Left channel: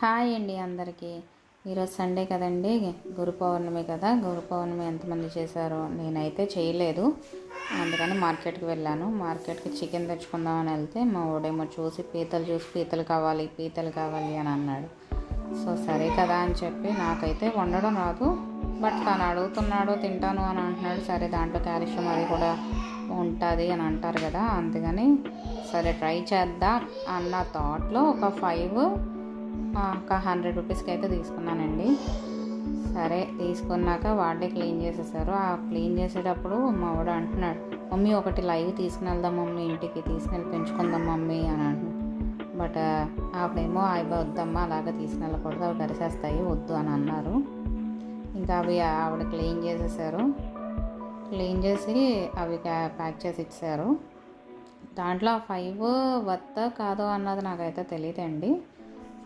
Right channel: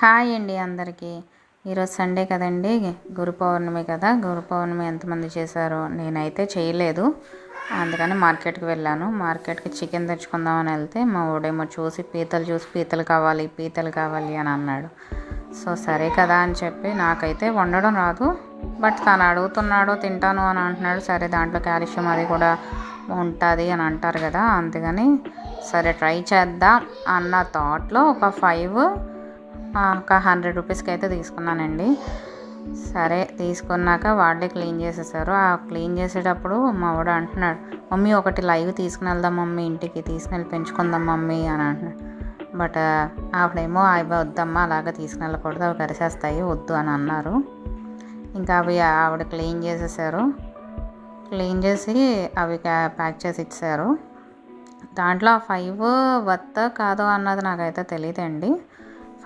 Hi అండి అందరికీ. ఈరోజు సండే కదండి, గురు పౌర్ణమి కదా. గురు పౌర్ణమి ఎంతమంది చేశారో, నేనైతే చేయలేదు. అందుకని మార్కెట్కి వెళ్ళాను. మార్కెట్కి చికెన్ తెచ్చుకుందామని వెళ్తే మా ఊడేమో చూసి పీతలు కావాలి అని అన్నాడు. సో సరే కదా అని చెప్పి, నాకైతే వండడం రాదు, బట్ తను అడుగుతున్నాడు, తింటాను అని అంటున్నాడు. సరే దాంట్లో కాల్షియం అది కూడా ఉంటుంది అని అంటారు కదా, అందుకని సరే ట్రై చేద్దాం అన్న థాట్లో ఒక 100 రూపీస్కి అయితే తీసుకున్నానండి. సరే తీసుకున్నాక వాళ్ళే క్లీన్ చేసేసారు. ఆ క్లీన్ చేసేటప్పుడు మా వాడు అంటున్నాడు, మమ్మీ ఒకటి లైవ్ తీసుకుని వెళ్దాం మమ్మీ, ఇంటికి తీసుకుని పెంచుకుందాం మమ్మీ అని అంటున్నాడు. బట్ ఆవిడేమో అవి వద్దమ్మా, అలాగా తీసుకుని వెళ్ళకూడదు, అవి కరిసేస్తాయి, వద్దు అని అన్నారు. ఇంకా అవి ఆవిడ క్లీన్ చేసేసారు. క్లీన్ చేసి అవి ప్యాక్ చేసి ఇచ్చారు. దాంట్లో 5 వర్త్ కాదో అన్నది నాకైతే తెలియదండి.